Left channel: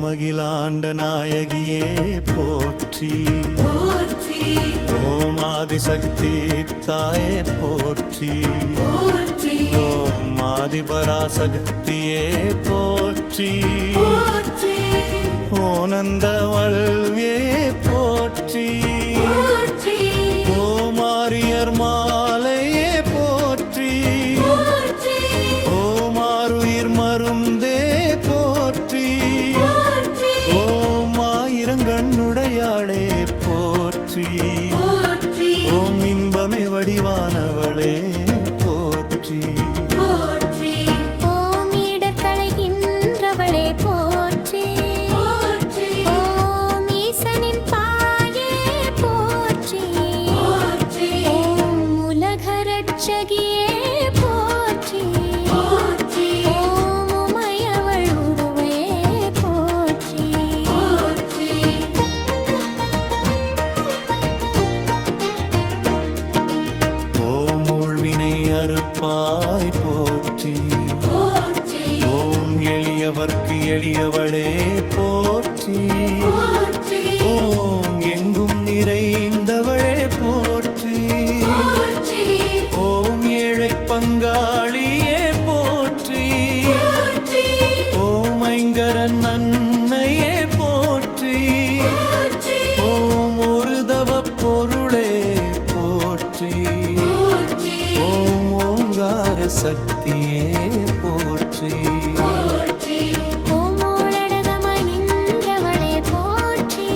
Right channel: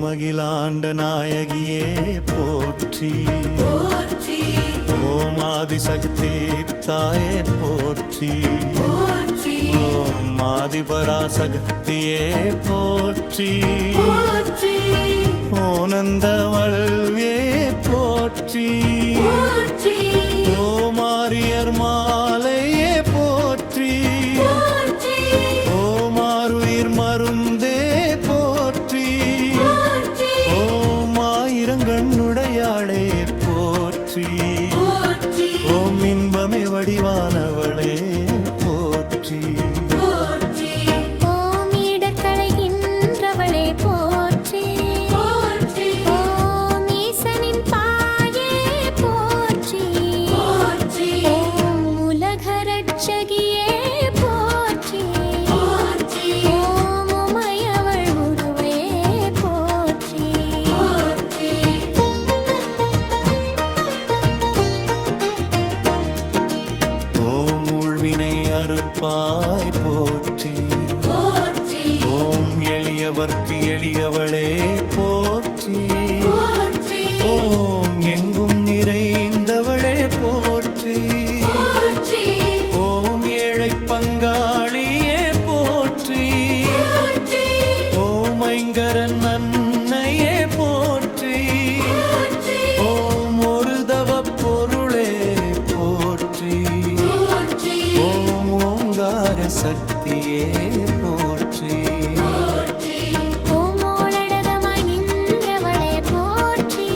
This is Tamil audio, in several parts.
ஓமகிலாண்ட நாயகியே போற்றி போற்றி ஓம் ஆதிசக்தி தாயே போற்றி போற்றி ஓம் ஆதிபராசக்தியே போற்றி போற்றி ஓனந்தவள்வே போற்றி போற்றி ஓமாரியர் மாலையே போற்றி போற்றி ஓமாருயிர் மருந்தே போற்றி போற்றி ஓம் ஆயிரங்கண்ணுடையாளே போற்றி போற்றி ஓம் இன்பமே வடிவானவளே போற்றி போற்றி ஓம் இடர்களைகின்றவளே போற்றி போற்றி ஓம் ஈசனின் பாயே போற்றி போற்றி ஓம் உலகரட்சகியே போற்றி போற்றி ஓம் உமையவள் உருவே போற்றி போற்றி ஓம் உள்வினை அறுப்பாய் போற்றி போற்றி ஓம் எளியவர்க்கு எளியவளே போற்றி போற்றி ஓம் எங்கும் நிறைந்தவளே போற்றி போற்றி ஓம் ஏழை பங்காளியே போற்றி போற்றி ஓம் ஐங்கரன் அன்னையே போற்றி போற்றி ஓம் ஒரு தவ பொருளே போற்றி போற்றி ஓம் ஓங்கார சக்தியே போற்றி போற்றி ஓம் ஓளடகமாய் நின்றவளே போற்றி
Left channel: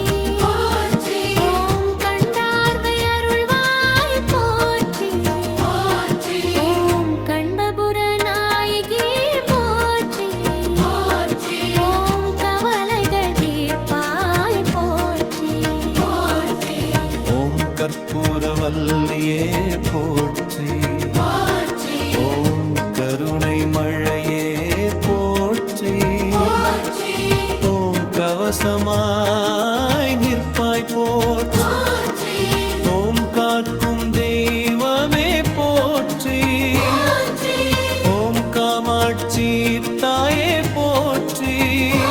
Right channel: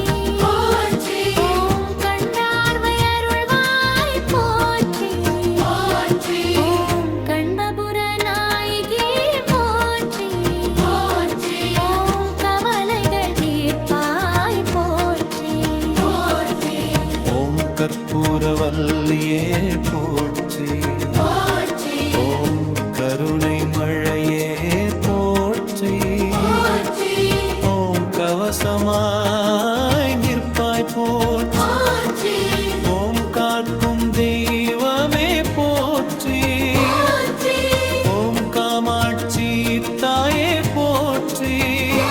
போற்றி ஓம் கண்டார்வை அருள்வாய் போற்றி போற்றி ஓம் கண்பபுர நாயகி போற்றி போற்றி ஓம் கவலைகள் தீர்ப்பாய் போற்றி போற்றி ஓம் கற்பூரவல்லியே போற்றி போற்றி ஓம் கருணை மழையே போற்றி போற்றி ஓம் கவசமாய் நிற்பாய் போற்றி போற்றி ஓம் காக்கும் தெய்வமே போற்றி போற்றி ஓம் காமாட்சி தாயே போற்றி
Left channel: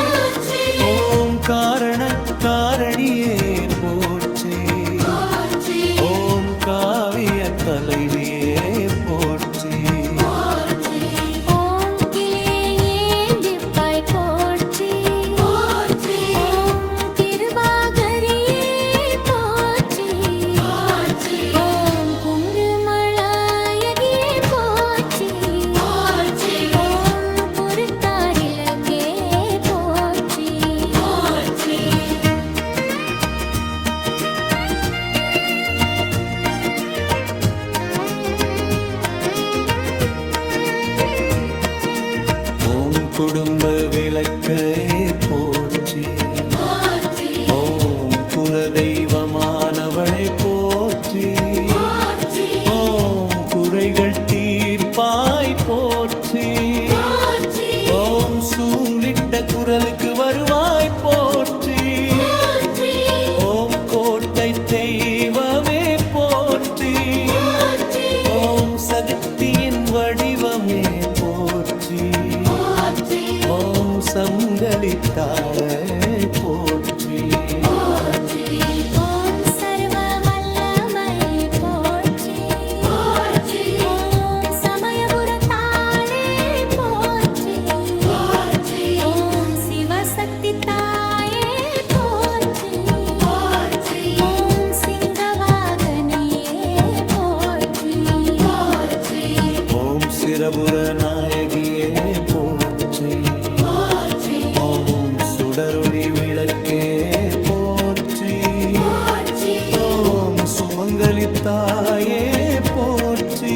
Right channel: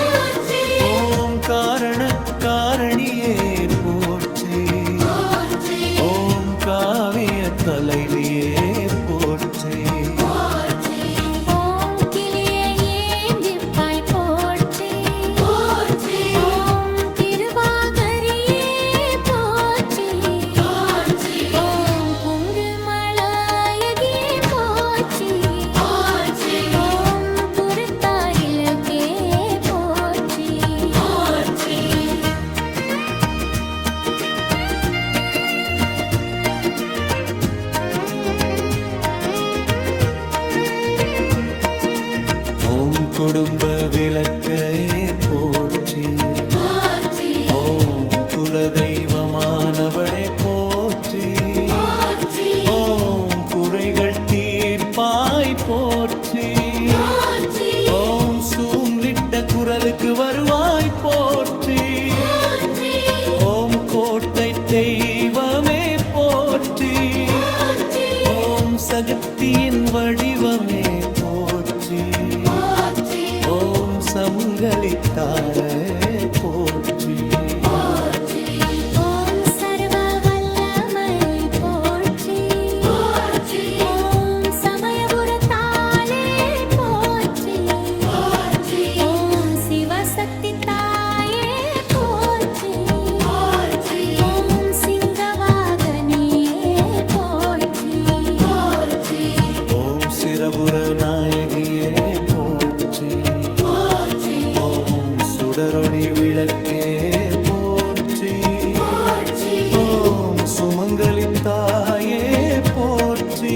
போற்றி ஓம் காரண காரணியே போற்றி போற்றி ஓம் காவிய தலைவியே போற்றி போற்றி ஓம் கிளியே ஏந்திப்பாய் போற்றி போற்றி ஓம் திருவாகரியே போற்றி போற்றி ஓம் குங்குமளாயகியே போற்றி போற்றி ஓம் புறத்தாரிலக்கே போற்றி போற்றி ஓம் குடும்ப விளக்கே போற்றி போற்றி ஓம் குலதெய்வமானவளே போற்றி போற்றி ஓம் குறைகள் தீர்ப்பாய் போற்றி போற்றி ஓம் சூங்கிட்ட குரலுக்கு வருவாய் போற்றி போற்றி ஓம் கோட்டை தெய்வமே போற்றி போற்றி ஓம் சக்தியின் வடிவமே போற்றி போற்றி ஓம் சங்கலித்தாளே போற்றி போற்றி ஓம் சர்வ வல்லமை போற்றி போற்றி ஓம் சமயபுரத்தாளே போற்றி போற்றி ஓம் சிவசக்தி தாயே போற்றி போற்றி ஓம் சிங்கவாகனியே போற்றி போற்றி ஓம் சிரபுர நாயகியே போற்றி போற்றி ஓம் சுடரொளி விளக்கே போற்றி போற்றி ஓம் சுமங்கலித்தாயே போற்றி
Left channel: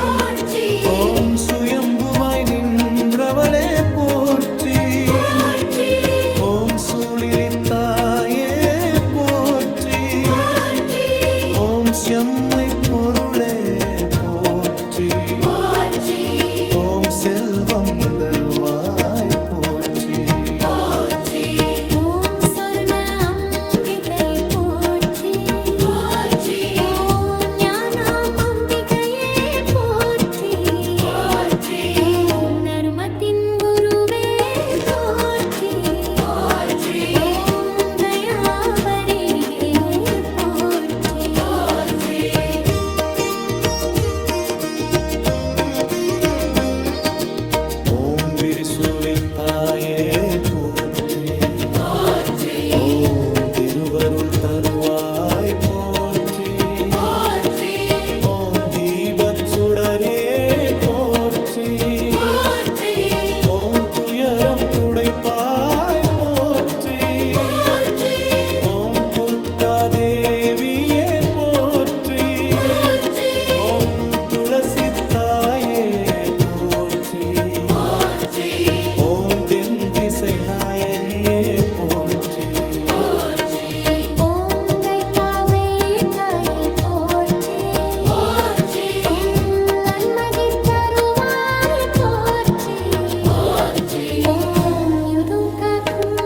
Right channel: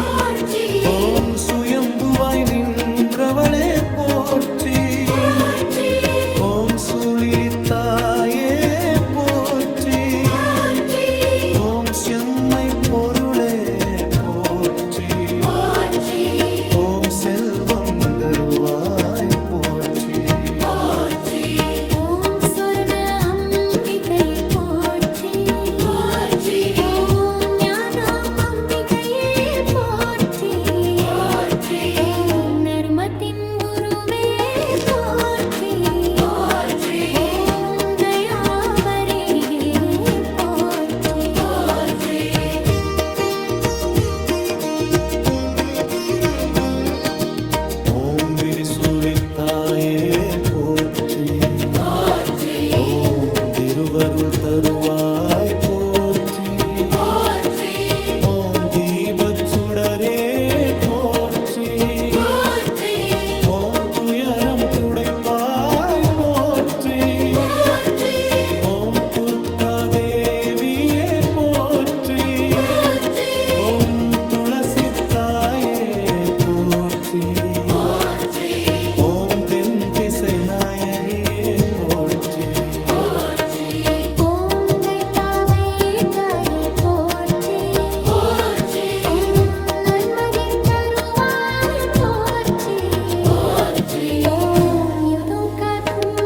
போற்றி ஓம் சுயம்புவாய் நின்றவளே போற்றி போற்றி ஓம் சூழிலித்தாயே போற்றி போற்றி ஓம் செம்மை பொருளே போற்றி போற்றி ஓம் செல்வம் தருவாய் போற்றி போற்றி ஓம் சொர்ண அம்பிகை போற்றி போற்றி ஓம் ஞானம் அம்பிகையே போற்றி போற்றி ஓம் நர்மத்தின் குருவே போற்றி திரிசூலித்தாயே போற்றி போற்றி ஓம் திருவருள் தருவாய் போற்றி போற்றி ஓம் தீபச் சுடரே போற்றி போற்றி ஓம் துயரம் துடைப்பாய் போற்றி போற்றி ஓம் துர்க்காதேவியே போற்றி ஓம் துளசி தாயே போற்றி ஓம் தென் திசை நாயகியே போற்றி ஓம் தைத்தாவை தாயே போற்றி ஓம் நன்மதிர் தருவாய் போற்றி ஓம் யுதுகக்கும்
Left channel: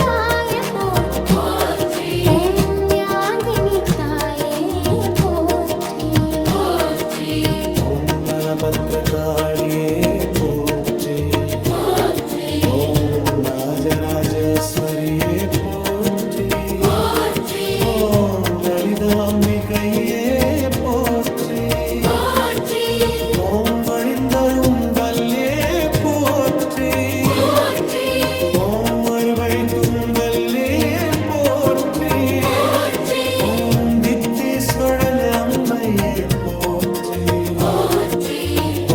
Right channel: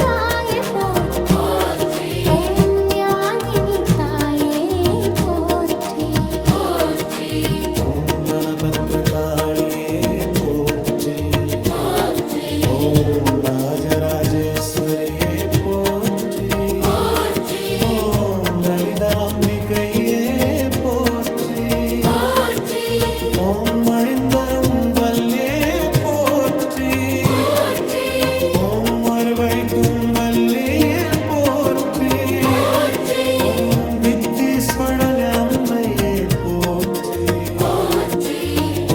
தாயே போற்றி ஓம் ஞாகினி தாயே போற்றி ஓம் நனபத்ரகாளியே போற்றி ஓம் ராஜராஜேஸ்வரியே போற்றி ஓம் லலிதாம்பிகையே போற்றி ஓம் அழிந்தரும் வல்லே போற்றி ஓம் அறுவை துங்கல்லே போற்றி ஓம் வித்தீஸ்வரன் அம்மையே போற்றி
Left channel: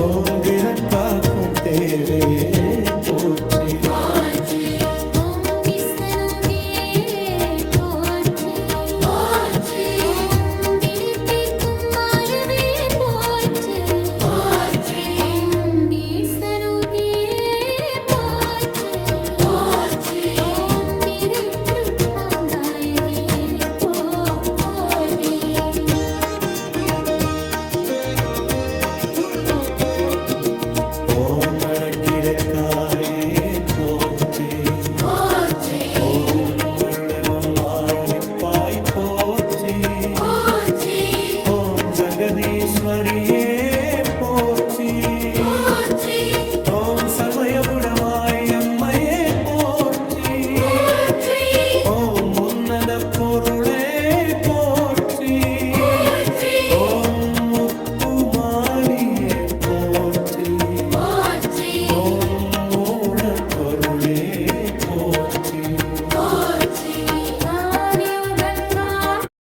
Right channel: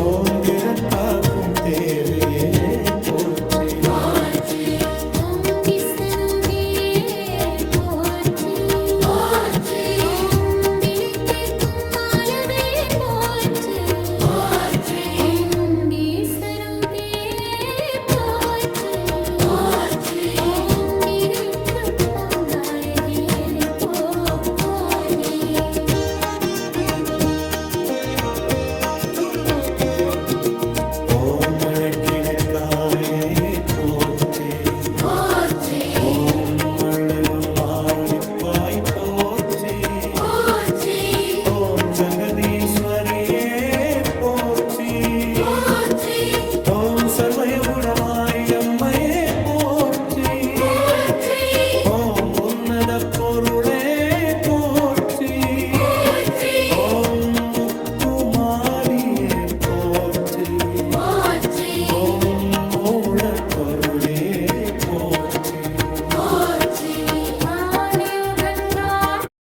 ஓம் கிரக்காக்கும் தேவையே போற்றி ஓம் விஷ்ணுவே போற்றி ஓம் விழித்திருக்கும் மாலவே போற்றி ஓம் விஷ்ணுவே போற்றி ஓம் விரித்திருப்பாங்காயகியே போற்றி ஓம் அழகிழக்காலே போற்றி ஓம் அழகம் ஆழிப்பாய் போற்றி ஓம் ஜங்கதீஸ்வரியே போற்றி ஓம் சர்வயபுடமாய் அம்மையே போற்றி ஓம் உன்னத பொருளே போற்றி ஓம் முத்துமாலியே போற்றி ஓம் மூலப்பொருளே போற்றி ஆ